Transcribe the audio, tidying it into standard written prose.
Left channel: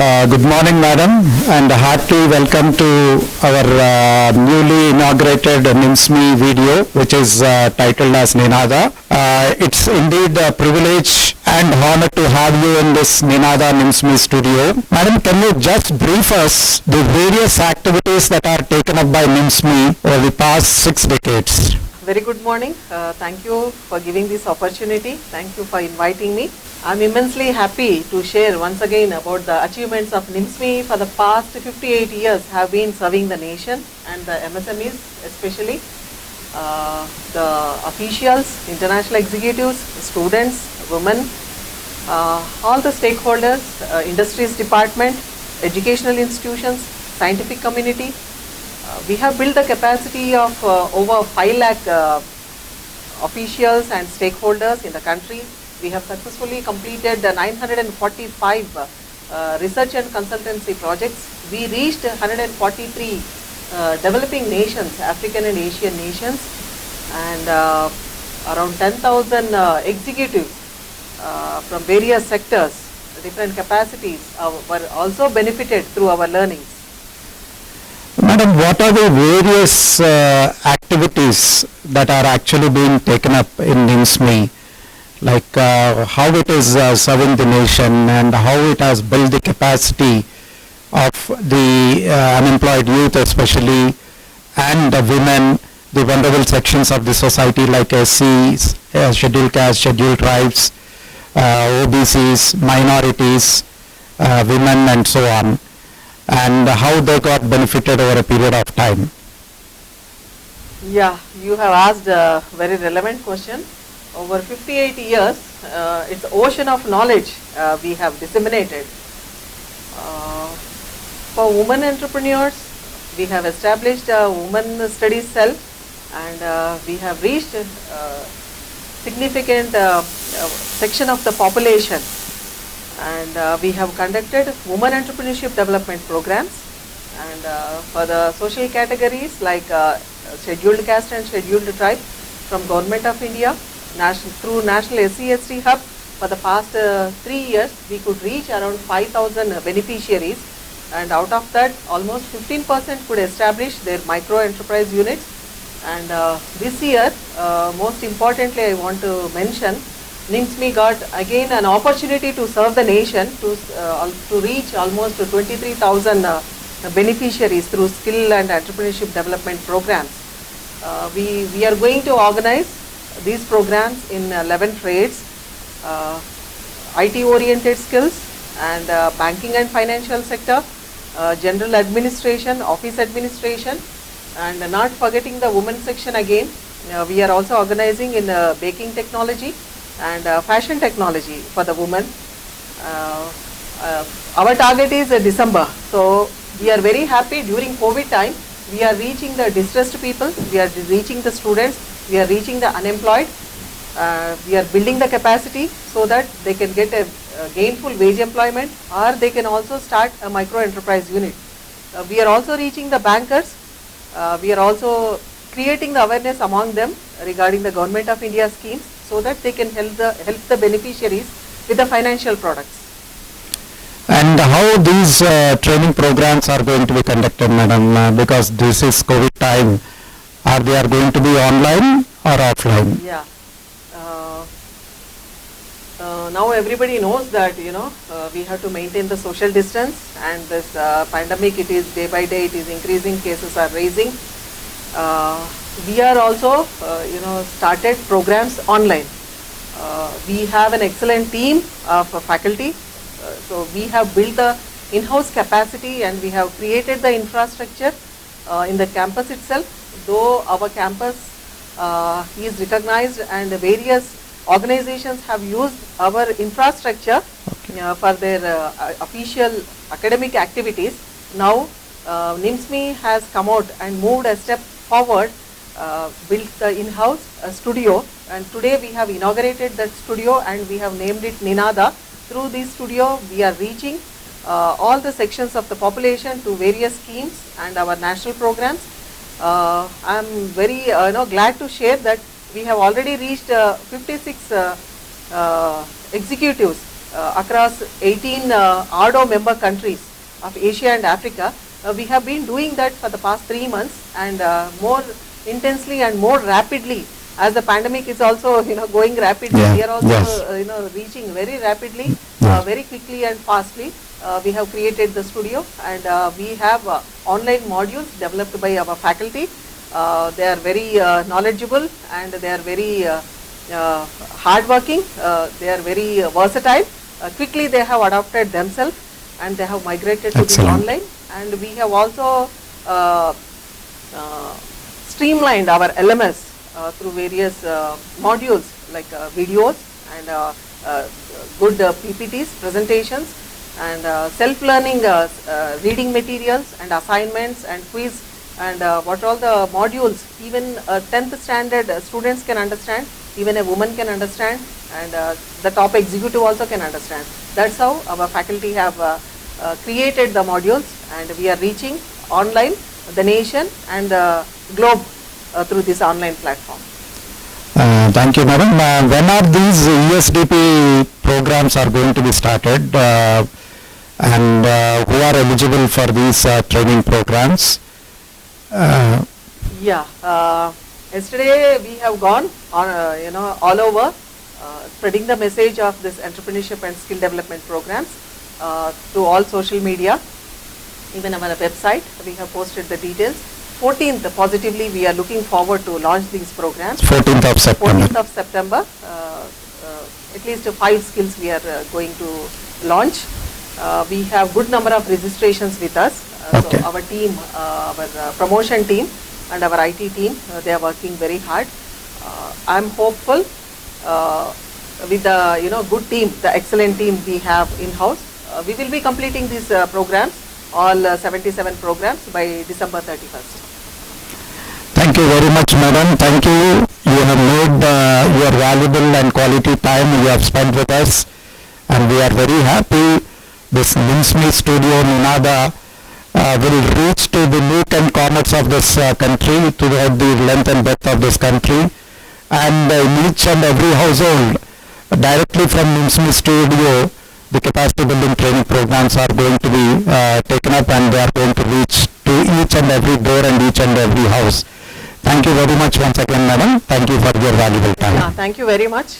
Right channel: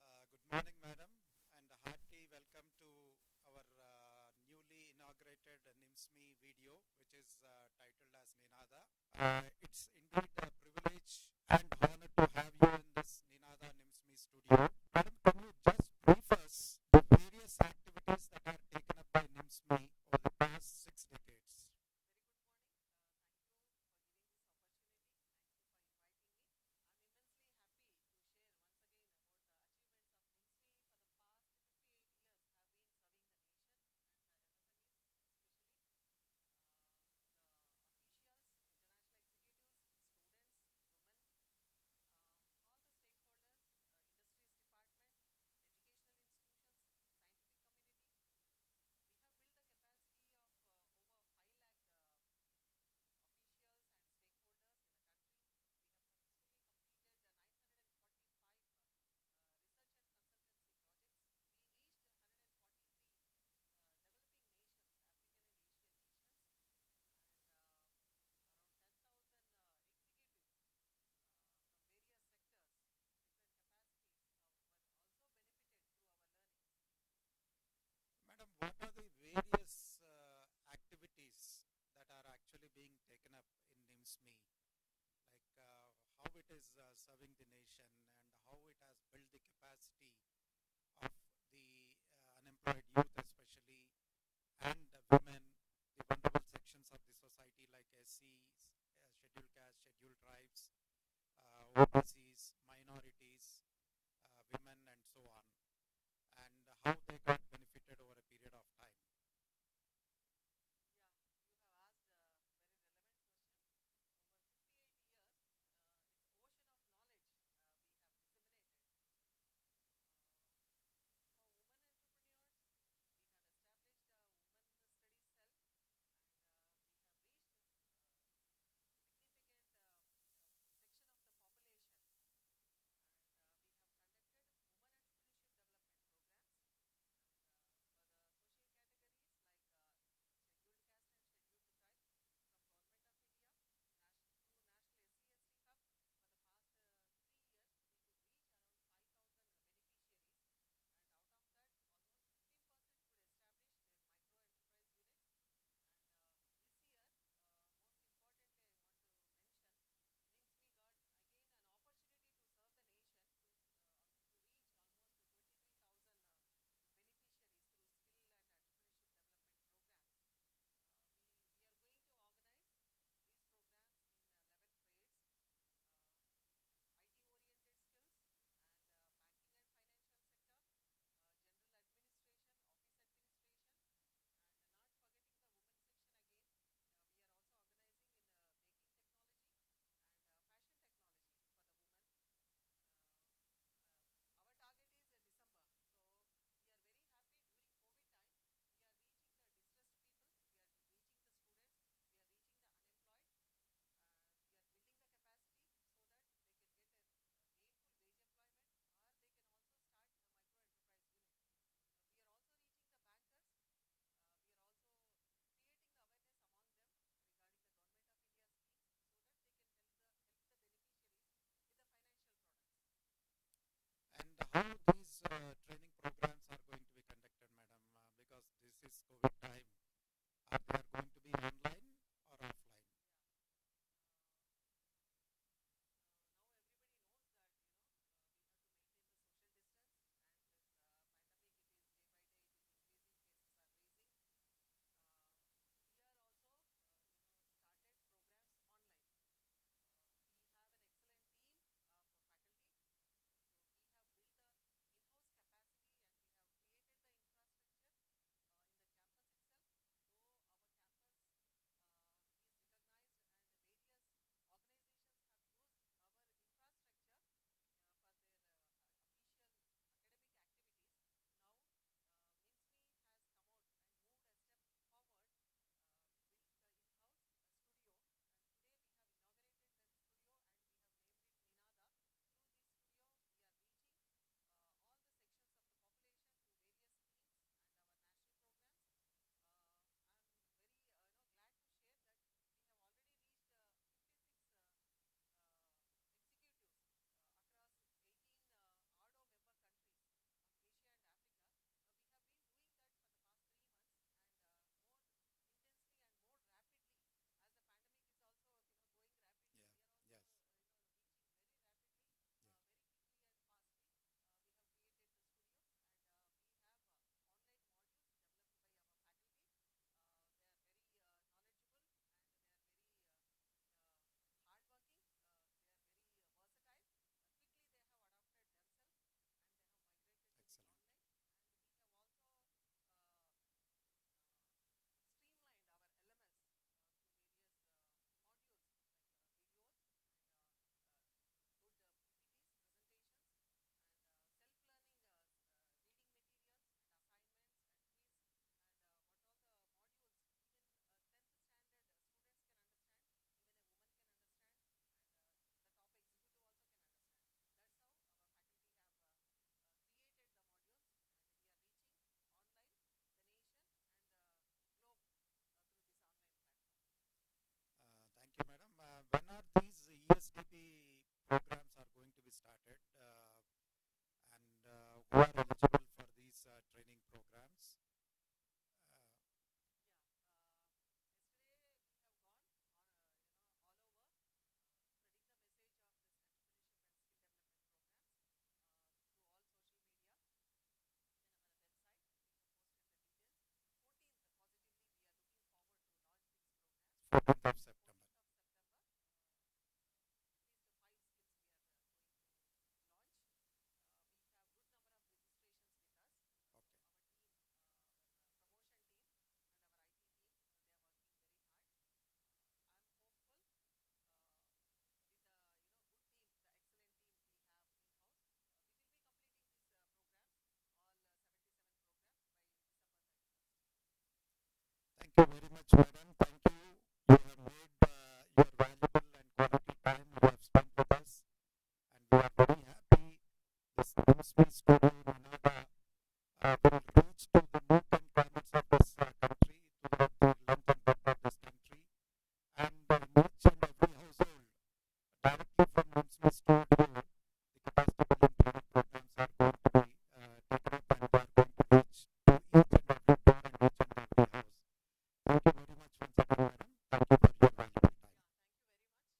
Good morning, madam, and a hearty welcome to our newly inaugurated NIMSME video, which is titled as Ninada. It's indeed a privilege and honor to have you in this Ninada NIMSME studio. Madam, can you just brief us the various activities that are taken up by NIMSME over the past 6 decades? Very good morning. Thank you for giving this opportunity. Thank you for inviting me. I'm immensely happy to share once again about the achievements of NIMSME for the past 58 years have been serving the nation and the MSMEs especially, the officials, international executives, students, women, all the stakeholders, industries department, educational institutions, scientific community. We have built the capacity of over 5 lakh officials and stakeholders in the country. We have successfully completed 945 research and consultancy projects. We reached 143 developing nations, African and Asian nations, and around 10,000 executives from various sectors, different capacities were also benefited through our learnings. Madam, what are the various activities that are actually being taken up in NIMSME? Like how it is serving the nation and how it has built the capacity of the unemployed youth especially, and the women, the vulnerable sections of the society like SCs, scheduled caste, scheduled tribes, OBCs, minorities, women and so on, and how they got benefited over a period of time. Yeah, you have asked a very relevant question. Over 58 years, it's ocean of knowledge we have disseminated. For women entrepreneurs, we have established a women studies cell, and we have reached significant section of the population, and we have conducted women entrepreneurship development programs, and for the social categories like scheduled caste and scheduled tribe from Government of India, through National SC/ST Hub, for the past 3 years, we could reach around 5,000 beneficiaries, and out of that, almost 15% could establish their micro enterprise units. And this year, most importantly, I want to mention, NIMSME got again an opportunity to serve the nation to reach almost 23,000 beneficiaries through skill and entrepreneurship development programs. We are going to organize these programs in 11 trades, IT oriented skills, and banking and financial sector, general administration, office administration, and not forgetting the women section again. We are also organizing in baking technology and fashion technology for the women. Our target is December, so we are very happy. During COVID time, we are reaching the distressed people, we are reaching the students, we are reaching the unemployed. We are building the capacity so that they can get a gainful wage employment, or they can also start a micro enterprise unit. We are also reaching the bankers. We are also creating the awareness among them regarding the Government of India schemes, so that they can help the beneficiaries with the financial products. And how these training programs are going to be conducted, madam, because this is COVID time. Are they going to be online or offline? Yeah. Now everybody knows that we have to maintain the social distance, and this pandemic, it is day by day it is increasing, cases are rising. We are also started programs online. We have an excellent team of faculty, so we have built the in-house capacity, and we have created the infrastructure in the campus itself. Though our campus is recognized and various organizations have used our infrastructure for their official academic activities, now NIMSME has come out and moved a step forward, built the in-house studio, and today we have inaugurated that studio and we have named it Ninada. Through this studio, we are reaching all the sections of the population to various schemes and our national programs. I am very glad to share that we have already reached 56 executives across 18 ARDO member countries of Asia and Africa. We have been doing that for the past 3 months, and more intensely and more rapidly, as the pandemic is also going rapidly. Yeah, We are also yes. reaching very rapidly, Yeah. very quickly and fastly. We have created the studio, and we have online modules developed by our faculty. They are very knowledgeable, and they are very hardworking. They are very versatile. Quickly they have adopted themselves, and they have migrated to this Excellent. online. And we have also streamlined our LMS through various modules like videos and good PPTs, presentations, and self-learning reading materials and assignments and quiz, and what all the modules even 10th standard students can understand, even a woman can understand, and the top executive also can understand. That's how our faculty have created the modules, and we are reaching online the nation and the globe through this online platform. Thank you, madam. When are these ESDP programs are going to be started, and who are eligible for these training programs? Yeah, yesterday we have gone on, all over, spreading the message of this entrepreneurship and skill development programs to all social media, even our website. We have posted the details. 14th, positively, we are looking forward to launch these programs. 14th of September. 14th of September, at least 5 skills we are going to launch. We have good number of registrations with us. Okay. So our team, our promotion team and our IT team, they are working very hard. I'm hopeful with the good team, the excellent team we have in-house. We will be completing these programs, all 77 programs by December 31st. Thank you very much, madam. Thank you. You have made your valuable and quality time you have spent with us, and we are very happy this NIMSME studio, Ninada, will reach to the nook and corners of this country, throughout the length and breadth of this country, and in each and every household, directly from NIMSME studio, the capacity building training programs are going to be taken up, and they are going to reach to each and every door and each and every house. Thank you very much once again, madam. Thank you for your valuable time. Yeah, thank you very much.